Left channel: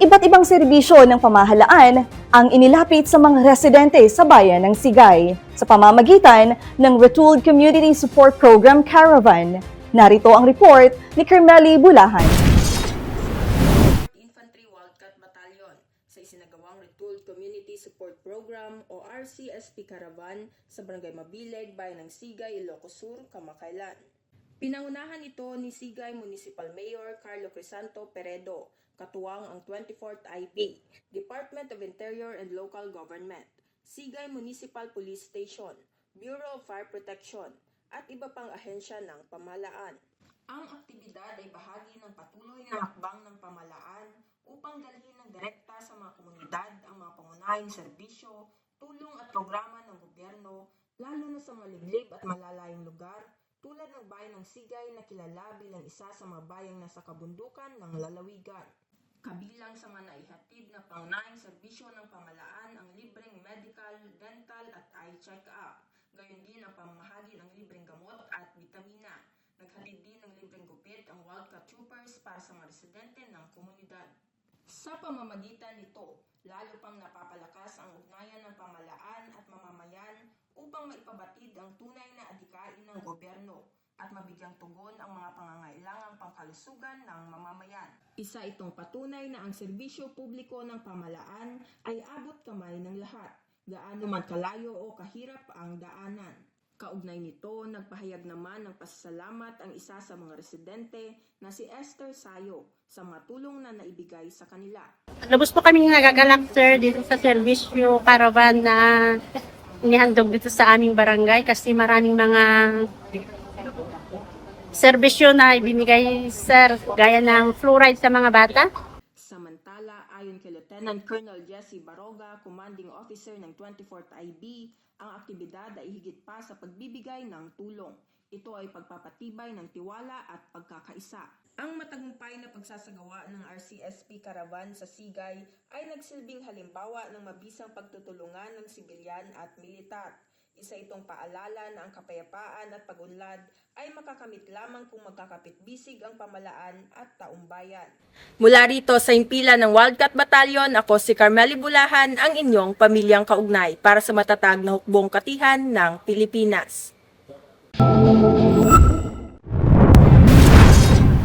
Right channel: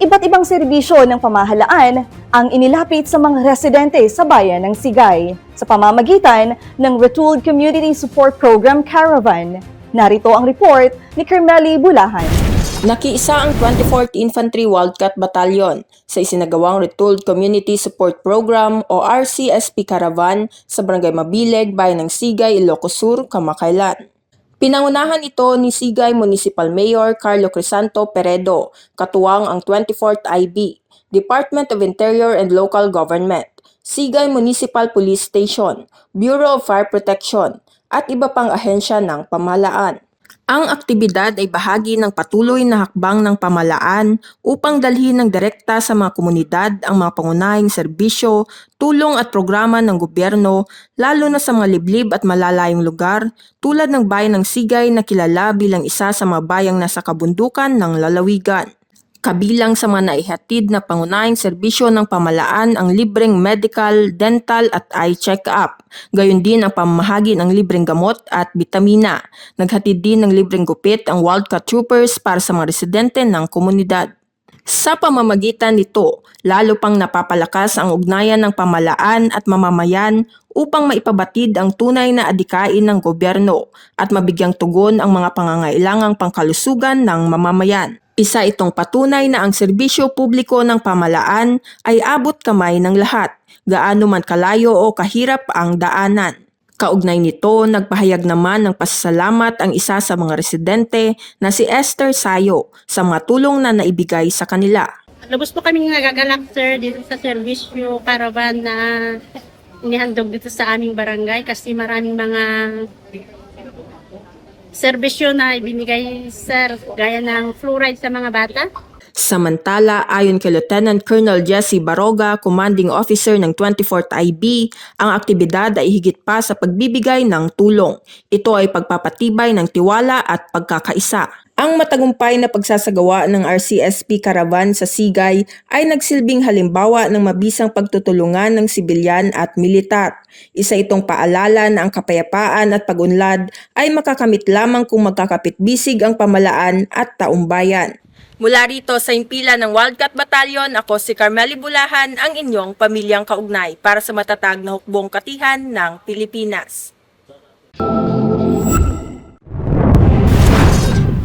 Iba't ibang serbisyo ng pamahalaan ang inilapit sa mga residente sa bayan ng Sigay sa pamamagitan ng Retooled Community Support Program Caravan. Narito ang report ni Carmeli Bulahan. Nakiisa ang 24th Infantry Wildcat Battalion sa isinagawang Retooled Community Support Program o RCSP Caravan sa Barangay Mabileg, Bayan ng Sigay, Ilocos Sur, Kamakailan. Pinangunahan ito ni Sigay Municipal Mayor Carlo Crisanto Peredo, katuwang ang 24th IB, Department of Interior and Local Government, Sigay Municipal Police Station, Bureau of Fire Protection, at iba pang ahensya ng pamahalaan. Ang aktibidad ay bahagi ng patuloy na hakbang ng pamahalaan upang dalhin ng direkta sa mga komunidad ang mga pangunahing serbisyo, tulong at programa ng gobyerno, lalo na sa mga liblib at malalayong lugar tulad ng bayan ng Sigay na kilala bilang isa sa mga bayang nasa kabundukan ng lalawigan. Kabilang sa mga naihatid na pangunahing serbisyo ng pamahalaan ang libreng medical, dental at eye check-up. Gayon din ang pamamahagi ng libreng gamot at bitamina. Naghatid din ng libreng gupit ang Wildcat Troopers para sa mga residente ng komunidad. Sa pamamagitan nito, lalo pang napapalakas ang ugnayan ng pamahalaan at mamamayan upang maipabatid ang tunay na adikain ng gobyerno at mabigyang tugon ang mga pangangailangang pangkalusugan ng mamamayan. Isa itong patunay na ang serbisyo publiko ng pamahalaan ay abot kamay ng lahat, gaano man kalayo o kahirap ang daanan. Kaugnay nito, nagpahayag naman ng pasasalamat ang isa sa mga residente na si Esther Sayo sa mga tulong na naibigay sa kanila. Lubos po kaming nagagalak, sir, dito sa serbisyo caravan na inihandog dito sa aming barangay kasi maraming mga serbisyo na ibinigay, sir, gaya ng fluoride sa mga bata. Samantala, ayon kay Lieutenant Colonel Jesse Baroga, Commanding Officer ng 24th IB, ang aktibidad ay higit pa sa pagbibigay ng tulong. Ito ay pagpapatibay ng tiwala at pagkakaisa. Ang matagumpay na pagsasagawa ng RCSP Caravan sa Sigay ay nagsilbing halimbawa ng mabisang pagtutulungan ng sibilyan at militar. Isa itong paalala na ang kapayapaan at pag-unlad ay makakamit lamang kung magkakapit-bisig ang pamahalaan at taumbayan. Mula rito sa impila ng Wildcat Battalion, ako si Carmeli Bulahan, ang inyong pamilyang kaugnay para sa matatag na hukbong katihan ng Pilipinas.